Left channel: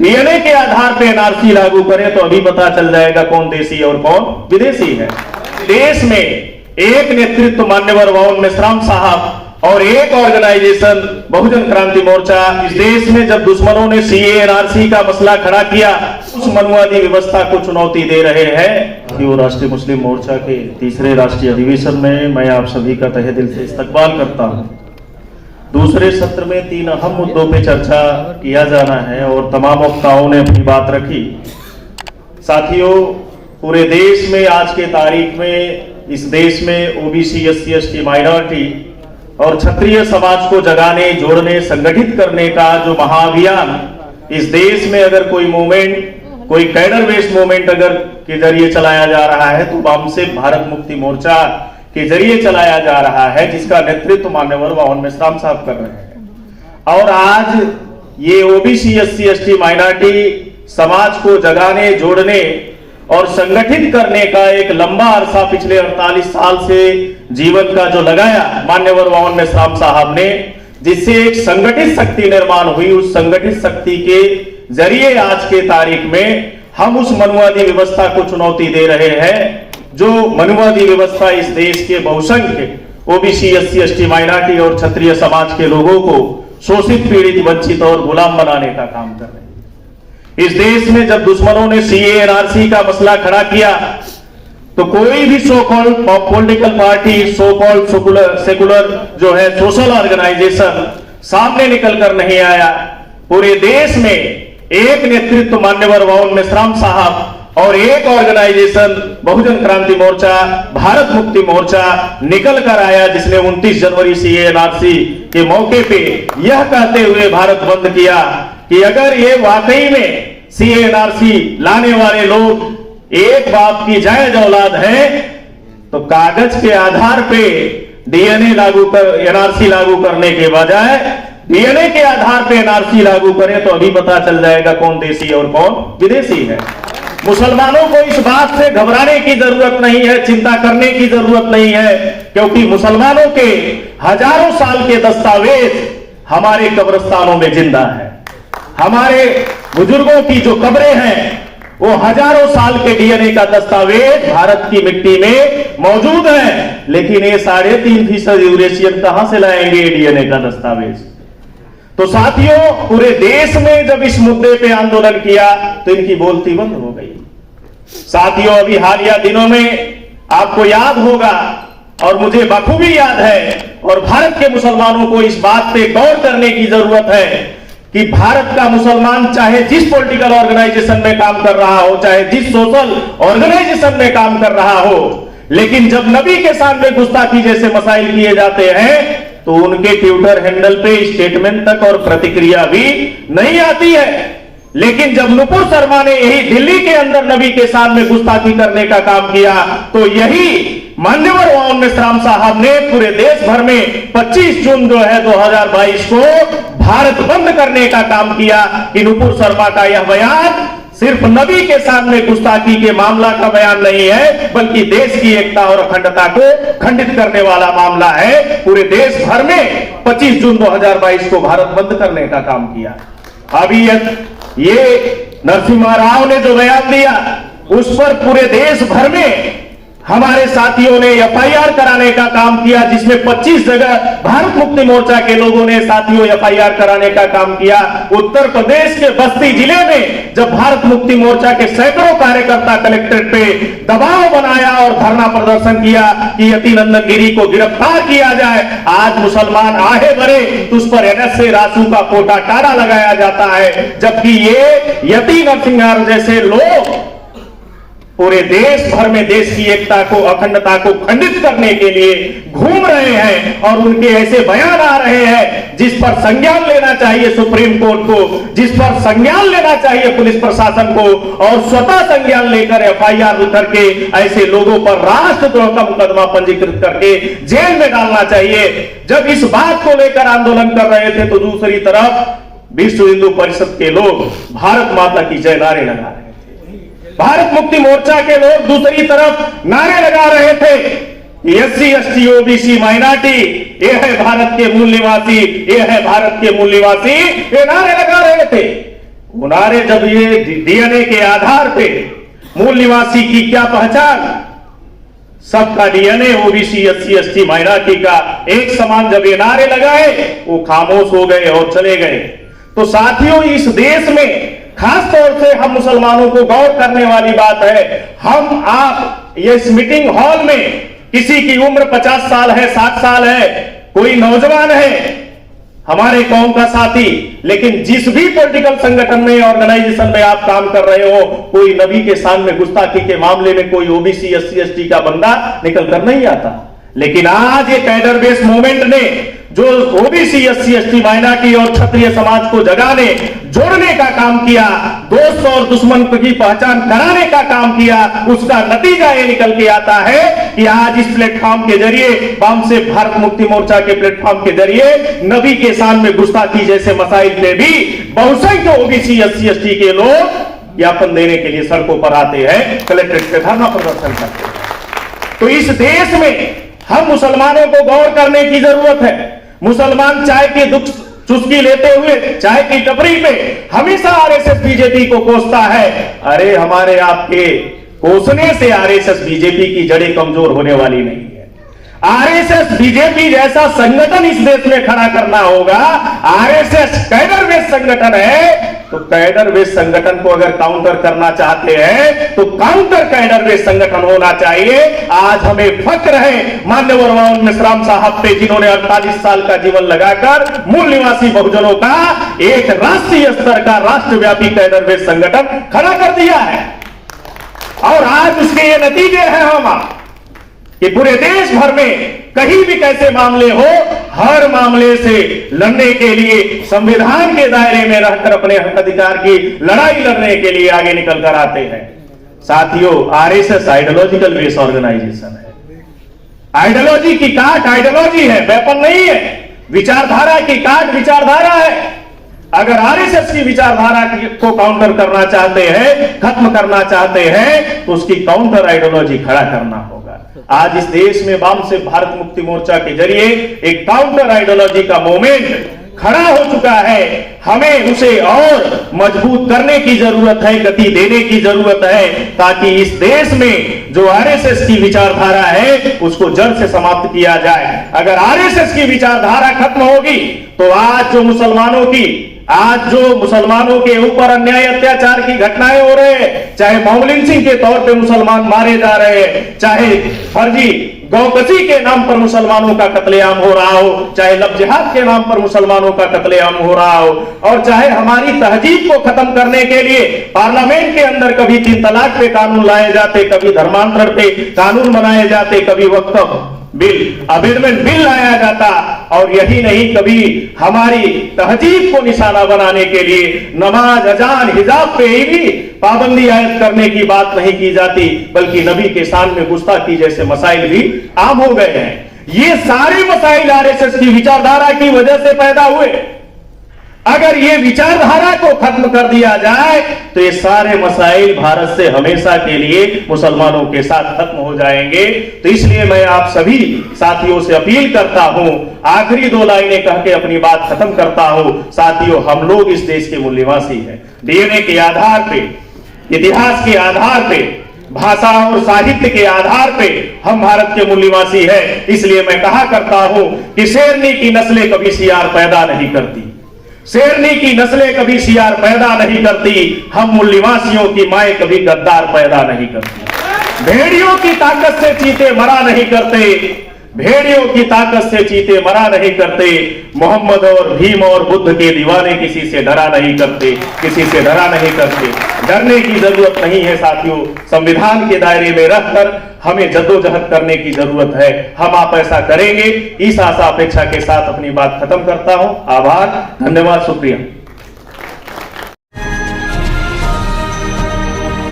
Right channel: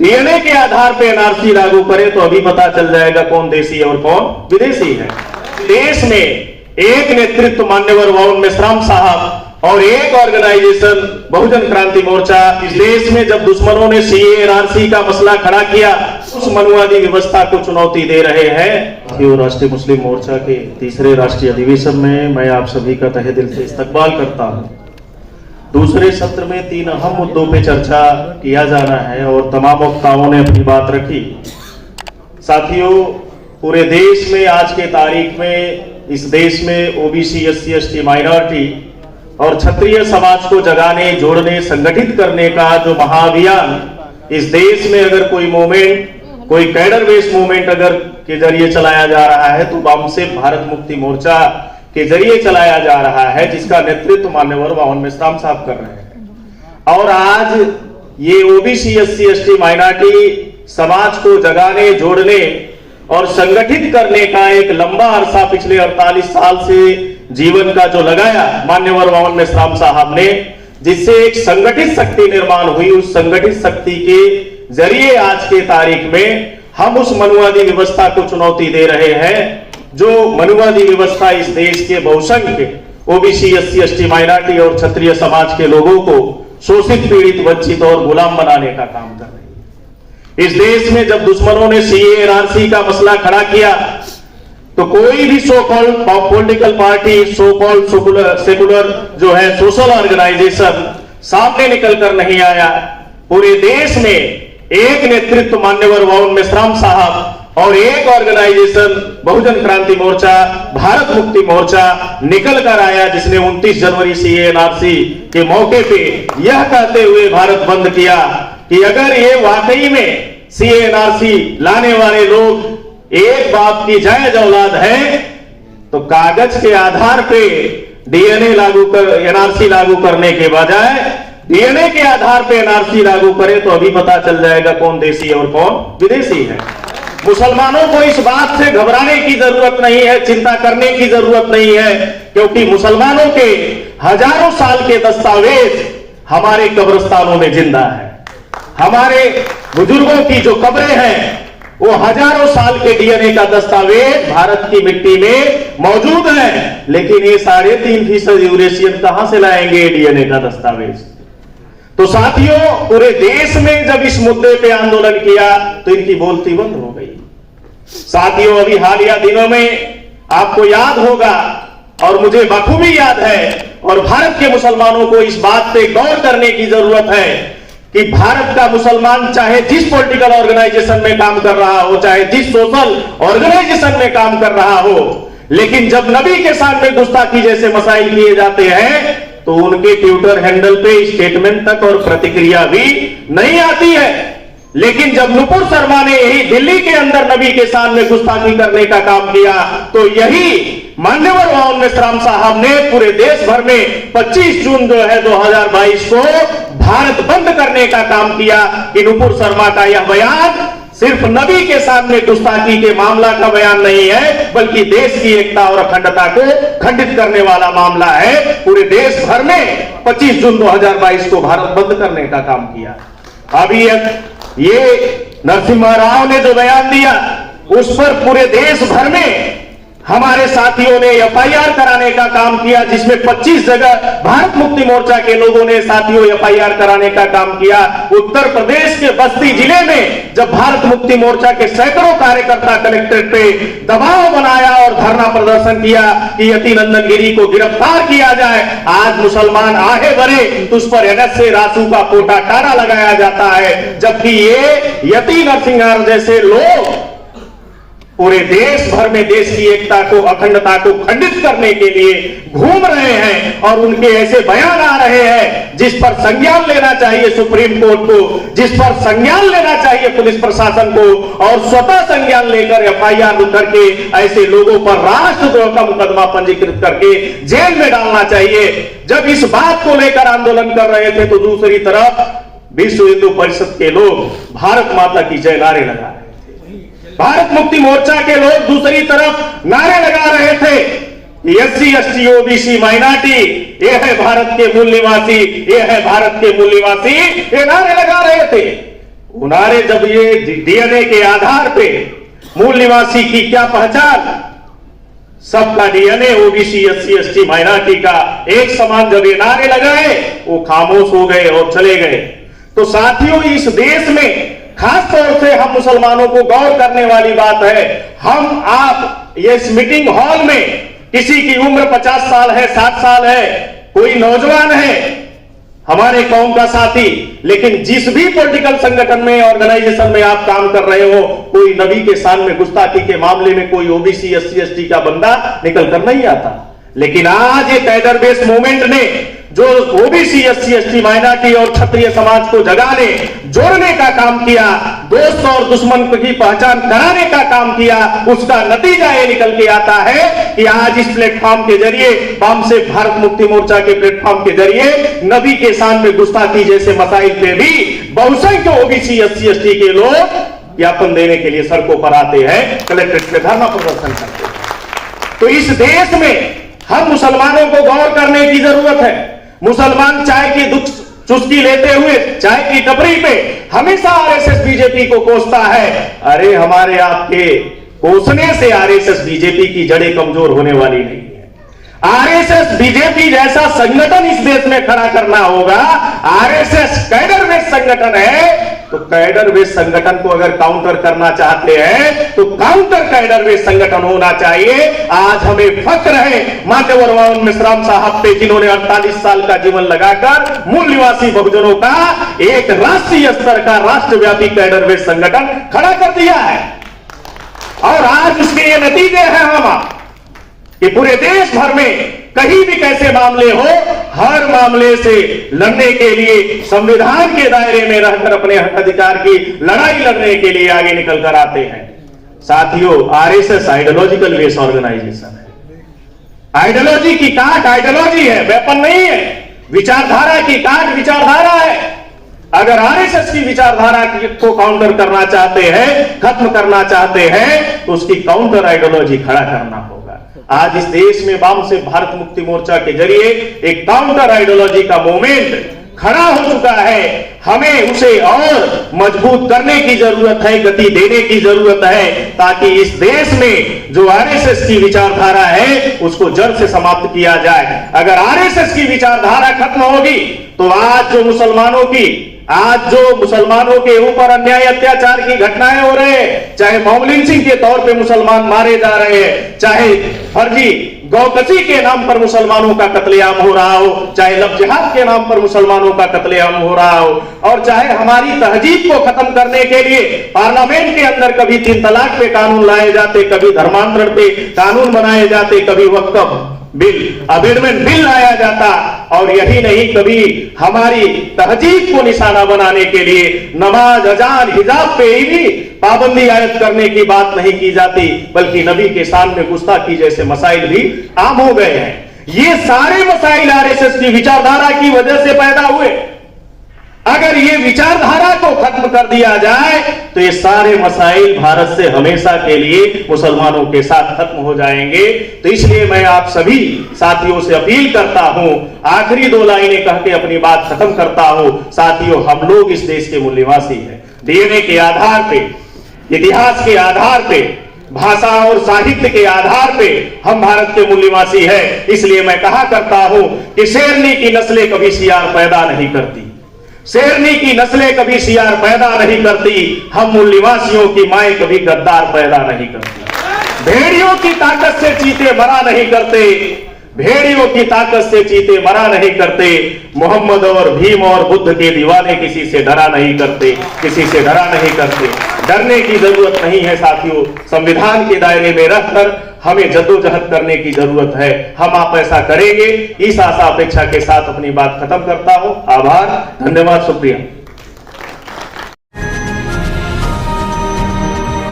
DNA के आधार पे NRC लागू करें तो अभी पता चल जाएगा कौन देसी और कौन विदेशी है। देश में एक नेतृत्व मान्यवर वाउन मेश्राम साहब और एक ऑर्गेनाइजेशन बहुजन क्रांति मोर्चा इस देश में जब दुश्मनों ने सीए एनआरसी का मसला खड़ा किया, उस मनुवादी व्यवस्था को चुनौती दे रहे हैं। राष्ट्रीय मुस्लिम मोर्चा के तीसरे राष्ट्रीय अधिवेशन में मैं आप सभी का तहे दिल से इस्तकबाल करता हूं। दूसरे सत्र में 3 अहम मुद्दों पे चर्चा किया जाना है और तमाम वक्ताओं ने अपनी बात रखी। साथियों, पूरे देश में आज के तारीख में इस देश में ओबीसी, एससी, एसटी, माइनॉरिटी और क्षत्रिय समाज को जगाने, जोड़ने, संगठित करने का जो महाअभियान इस देश में अगर कोई मूवमेंट, कोई कैडर बेस्ड मूवमेंट अगर के जरिए चलाया जा रहा है तो वामसे भारत मुक्ति मोर्चा के जरिए चलाया जा रहा है, जिसका नेतृत्व मान्यवर वाउन मेश्राम साहब कर रहे हैं। और आज ये ओबीसी, एससी, एसटी, माइनॉरिटी समाज को जगाने, जोड़ने और संगठित करने का एक लंबा अरसा पिछले 48 साल से जीवन का जो लगाया मान्यवर वाउन मेश्राम साहब ने, जिससे एक संगठित शक्ति निर्माण हुई। उस संगठित शक्ति के जरिए आज के तारीख में हम उस मनुवादी व्यवस्था को चुनौती दे रहे हैं, जो मनुवादी व्यवस्था इस देश के बहुसंख्य ओबीसी, एससी, एसटी, माइनॉरिटी और क्षत्रिय समाज के लोगों को शोषित, पीड़ित, वंचित और गुलाम बनाने का काम कर रही है। इस देश में जब दुश्मनों ने सीए एनआरसी का मसला खड़ा किया तो कोई भी so called political party, so called secular जो है सोशल ऑर्गेनाइजेशन सामने निकल कर नहीं आया। पूरे देश में एक नेतृत्व मान्यवर वाउन मेश्राम साहब और एक ऑर्गेनाइजेशन बहुजन क्रांति मोर्चा, भारत मुक्ति मोर्चा निकल कर आया, जिसने 29 जनवरी सीए एनआरसी के मौके पे यह कहते हुए भारत बंद किया कि अगर ये वाकई में सीए एनआरसी लाने वाले लोग एक बाप की जायज औलाद है तो कागज के आधार पे डीएनए लागू कर एनआरसी लागू करने के बजाय डीएनए के आधार पे एनआरसी लागू करें तो अभी पता चल जाएगा कौन देसी और कौन विदेशी है। मुसलमानों को इस बात से घबराने की जरूरत नहीं है, चिंता करने की जरूरत नहीं है, क्योंकि मुसलमानों के हजारों साल के दस्तावेज हमारे कब्रिस्तानों में जिंदा है। हमारे बुजुर्गों की जो कब्रें हैं वो हजारों साल के डीएनए का दस्तावेज भारत की मिट्टी में मौजूद है। लेकिन ये 3.5% यूरेशियन कहां से लाएंगे डीएनए का दस्तावेज? तो साथियों, पूरे देश में जब इस मुद्दे पे आंदोलन किया तो इनकी बोलती बंद हो गई। साथियों, अभी हालिया दिनों में आपको याद होगा और मुझे बखूबी याद है, और भारत के मुसलमानों को इस बात पे गौर करने की जरूरत है कि भारत का मुसलमान चाहे जिस पॉलिटिकल ऑर्गेनाइजेशन में काम कर रहा हो, चाहे जिस सोशल ऑर्गेनाइजेशन में काम कर रहा हो, लेकिन जब नबी के सामने गुस्ताखी जैसे मसाइल किए जाते हैं तो उनके ट्विटर हैंडल पे स्टेटमेंट तक और प्रतिक्रिया भी नहीं आती है। लेकिन जब नुपुर शर्मा ने यही दिल्ली के अंदर नबी के सामने गुस्ताखी करने का काम किया तो यही मान्यवर वाउन मेश्राम साहब ने पूरे देश भर में 25 जून जो है 2022 को भारत बंद करने का काम किया कि नुपुर शर्मा का यह बयान सिर्फ नबी के सामने गुस्ताखी के मामला का बयान नहीं है, बल्कि देश की एकता और अखंडता को खंडित करने वाला मामला है। पूरे देश भर में 25 जून 2022 को भारत बंद करने का काम किया। अभी ये नरसिम्हा राव ने जो बयान दिया उस पर पूरे देश भर में हमारे साथियों ने एफआईआर कराने का काम किया, जिसमें 25 जगह भारत मुक्ति मोर्चा के लोगों ने साथियों एफआईआर कराने का काम किया। उत्तर प्रदेश के बस्ती जिले में जब भारत मुक्ति मोर्चा के सैकड़ों कार्यकर्ता कलेक्ट्रेट पे दबाव बनाया और धरना प्रदर्शन किया कि यति नंदन गिरी को गिरफ्तार किया जाए, आज मुसलमान आहे बने तो उस पर अगस्त से रासू का पोटा कारा लगाया जाता है, जबकि ये यति नरसिंहार जैसे लोग पूरे देश भर में देश की एकता को, अखंडता को खंडित करने के लिए घूम रहे हैं। और उनके ऐसे बयान आ रहे हैं जिस पर संज्ञान लेना चाहिए सुप्रीम कोर्ट को, जिस पर संज्ञान लेना चाहिए पुलिस प्रशासन को, और स्वतः संज्ञान लेकर एफआईआर करके ऐसे लोगों पर राष्ट्रद्रोह का मुकदमा पंजीकृत करके जेल में डालना चाहिए। जब इस बात को लेकर आंदोलन कर रहे थे तो दूसरी तरफ विश्व हिंदू परिषद के लोग भारत माता की जय नारे लगा रहे थे, भारत मुक्ति मोर्चा के लोग दूसरी तरफ नारे लगा रहे थे, एससी, एसटी, ओबीसी, माइनॉरिटी ये है भारत के मूल निवासी, ये है भारत के मूल निवासी, ये नारे लगा रहे थे। वो नारे जब ये डीएनए के आधार पे मूल निवासी की क्या पहचान, सबका DNA OBC SC ST minority का एक समान जब ये नारे लगाए वो खामोश हो गए और चले गए। तो साथियों, इस देश में खास तौर से हम मुसलमानों को गौर करने वाली बात है, हम आप ये इस मीटिंग हॉल में किसी की उम्र 50 साल है, 60 साल है, कोई नौजवान है हमारे कौम का साथी, लेकिन जिस भी पॉलिटिकल संगठन में ऑर्गेनाइजेशन में आप काम कर रहे हो, कोई नबी के सामने गुस्ताखी के मामले में कोई ओबीसी एससी एसटी का बंदा निकल कर नहीं आता। लेकिन आज एक कैडर बेस्ड मूवमेंट ने जो ओबीसी एससी एसटी माइनॉरिटी और क्षत्रिय समाज को जगाने जोड़ने का काम किया, दोस्त और दुश्मन की पहचान कराने का काम किया, उसका नतीजा ये निकल के आता है कि आज इस प्लेटफॉर्म के जरिए, वाम से भारत मुक्ति मोर्चा के प्लेटफॉर्म के जरिए नबी के सामने गुस्ताखी जैसे मसाइल पे भी बहुसंख्य ओबीसी एससी एसटी के लोग ज्ञापन देने के लिए सड़कों पर आते हैं, कलेक्ट्रेट पे धरना प्रदर्शन करते हैं। तो इस देश में हम मुसलमानों को गौर करने की जरूरत है। मुसलमान चाय की दुख चुस्की लेते हुए चाय की टपरी पे हमेशा आरएसएस बीजेपी को कोसता है। अरे हमारे आपके कोसने से आरएसएस बीजेपी की जड़ें कमजोर होने वाली नहीं है। आरएसएस बीजेपी जैसा संगठन इस देश में खड़ा करना होगा। आरएसएस कैडर बेस्ड संगठन है, तो कैडर बेस्ड संगठन को अगर काउंटर करना चाहते हैं तो काउंटर कैडर बेस्ड संगठन होना चाहिए। आज हमें फक्र है मान्यवर वाउन मेश्राम साहब पे, जिन्होंने 48 साल का जीवन लगाकर मूल निवासी बहुजनों का एक राष्ट्रीय स्तर का राष्ट्रव्यापी कैडर बेस्ड संगठन खड़ा कर दिया है। और आज उसके ये नतीजे हैं हम कि पूरे देश भर में कहीं भी कैसे मामले हो, हर मामले से लड़ने के लिए संविधान के दायरे में रहकर अपने हक अधिकार की लड़ाई लड़ने के लिए आगे निकल कर आते हैं। साथियों, आरएसएस आइडियोलॉजिकल बेस ऑर्गेनाइजेशन है। आइडियोलॉजी की काट आइडियोलॉजी है, वेपन नहीं है। विचारधारा की काट विचारधारा है। अगर आरएसएस की विचारधारा को काउंटर करना चाहते हैं, खत्म करना चाहते हैं, तो उसकी काउंटर आइडियोलॉजी खड़ा करना होगा। आज इस देश में वाम से भारत मुक्ति मोर्चा के जरिए एक काउंटर आइडियोलॉजी का मूवमेंट खड़ा हो चुका है। हमें उसे और मजबूत करने की जरूरत है, गति देने की जरूरत है, ताकि इस देश में जो आरएसएस की विचारधारा है उसको जड़ से समाप्त किया जाए। अगर आरएसएस की विचारधारा खत्म होगी तो आज जो मुसलमानों के ऊपर अन्याय अत्याचार की घटनाएं हो रहे हैं, चाहे मॉब लिंचिंग के तौर पे मुसलमान मारे जा रहे हैं, चाहे फर्जी गौकसी के नाम पर मुसलमानों का कत्लेआम हो रहा हो, चाहे लव जिहाद के नाम पर मुसलमानों का कत्लेआम हो रहा हो, और चाहे हमारी तहजीब को खत्म करने के लिए पार्लियामेंट के अंदर कभी 3 तलाक पे कानून लाए जाते, कभी धर्मांतरण पे कानून बनाए जाते, कभी वक्फ बिल, अमेंडमेंट बिल लाया जाता, और यही नहीं, कभी हमारी तहजीब को निशाना बनाने के लिए नमाज, अजान, हिजाब पे ही पाबंदी आयद करने की बात नहीं की जाती, बल्कि नबी के सामने गुस्ताखी जैसे मसाइल भी आम हो गए हैं। ये सारे मसाइल आरएसएस की विचारधारा की वजह से पैदा हुए। अगर ये विचारधारा को खत्म कर दिया जाए तो ये सारे मसाइल भारत से हमेशा के लिए मुसलमानों के साथ खत्म हो जाएंगे। तो इसलिए मैं आप सभी साथियों से अपील करता हूं, आखिरी 2 लाइनें कह के अपनी बात खत्म करता हूं। साथियों, हम लोग इस देश के मूल निवासी हैं। डीएनए के आधार पे, इतिहास के आधार पे, भाषा और साहित्य के आधार पे हम भारत के मूल निवासी हैं। इसलिए मैं कहा करता हूं कि शेरनी की नस्लें कभी सियार पैदा नहीं करती, शेरनी की नस्लें कभी सियार पैदा नहीं करती, हम मूल निवासियों की माएं कभी गद्दार पैदा नहीं करती। भेड़ियों की ताकत से चीते मरा नहीं करते, भेड़ियों की ताकत से चीते मरा नहीं करते। मोहम्मद और भीम और बुद्ध के दीवाने किसी से डरा नहीं करते, किसी से डरा नहीं करते। डरने की जरूरत नहीं है साथियों। संविधान के दायरे में रखकर हमें जद्दोजहद करने की जरूरत है। हम आप ऐसा करेंगे, इस आशा अपेक्षा के साथ अपनी बात खत्म करता हूं। आभार, धन्यवाद, शुक्रिया।